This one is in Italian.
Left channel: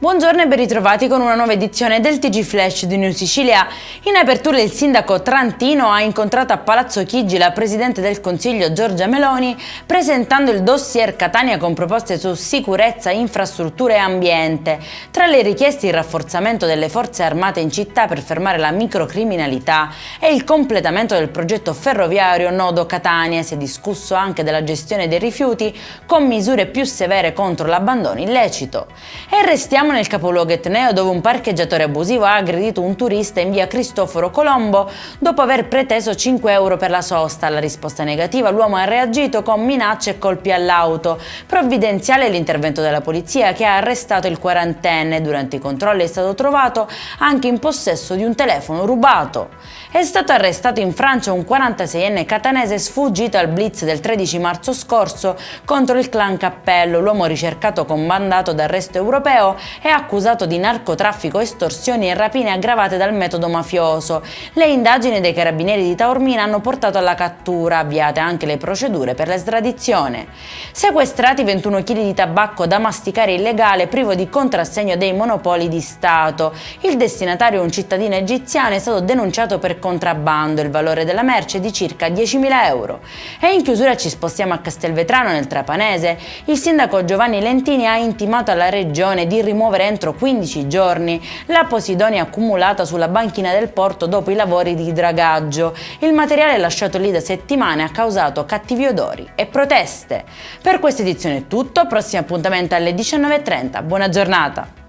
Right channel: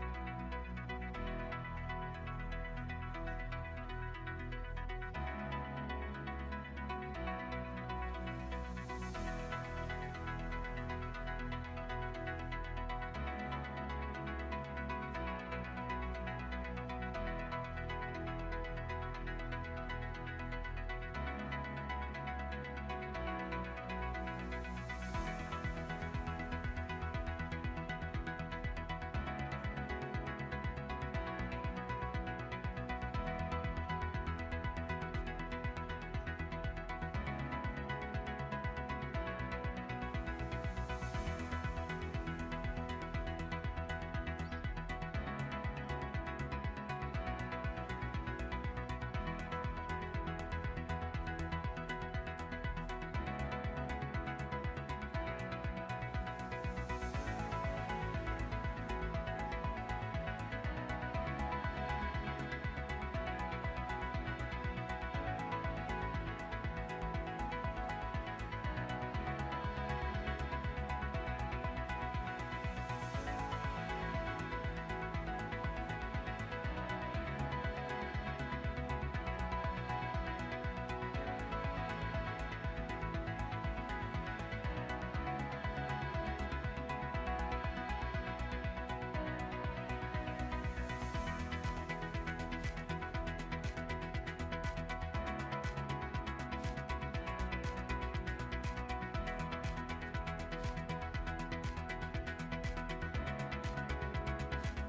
Buongiorno e ben ritrovati con una nuova edizione del TG Flash di New Sicilia. In apertura il sindaco trantino ha incontrato a Palazzo Chigi la Presidente del Consiglio Giorgia Meloni presentando il dossier Catania con proposte su sicurezza, infrastrutture e ambiente. Tra le richieste il rafforzamento delle forze armate in città per fermare la microcriminalità e il completamento del progetto ferroviario Nodo Catania. Si è discusso anche della gestione dei rifiuti con misure più severe contro l'abbandono illecito. E restiamo nel capoluogo etneo dove un parcheggiatore abusivo ha aggredito un turista in via Cristoforo Colombo dopo aver preteso 5 euro per la sosta. Alla risposta negativa l'uomo ha reagito con minacce e colpi all'auto. Provvidenziale l'intervento della polizia che ha arrestato il quarantenne. Durante i controlli è stato trovato anche in possesso di un telefono rubato. È stato arrestato in Francia un 46enne catanese sfuggito al blitz del 13 marzo scorso contro il clan Cappello. L'uomo ricercato con mandato d'arresto europeo è accusato di narcotraffico, estorsioni e rapine aggravate dal metodo mafioso. Le indagini dei carabinieri di Taormina hanno portato alla cattura, avviate anche le procedure per l'estradizione. Sequestrati 21 kg di tabacco da masticare illegale privo di contrassegno dei monopoli di Stato. Il destinatario, un cittadino egiziano, è stato denunciato per contrabbando. Il valore della merce è di circa 10.000 euro. E in chiusura ci spostiamo a Castelvetrano nel Trapanese. Il sindaco Giovanni Lentini ha intimato alla regione di rimuovere entro 15 giorni la posidonia accumulata sulla banchina del porto dopo i lavori di dragaggio. Il materiale lasciato lì da settimane ha causato cattivi odori e proteste. Per questa edizione è tutto, prossimo appuntamento alle 19:30. Buona giornata!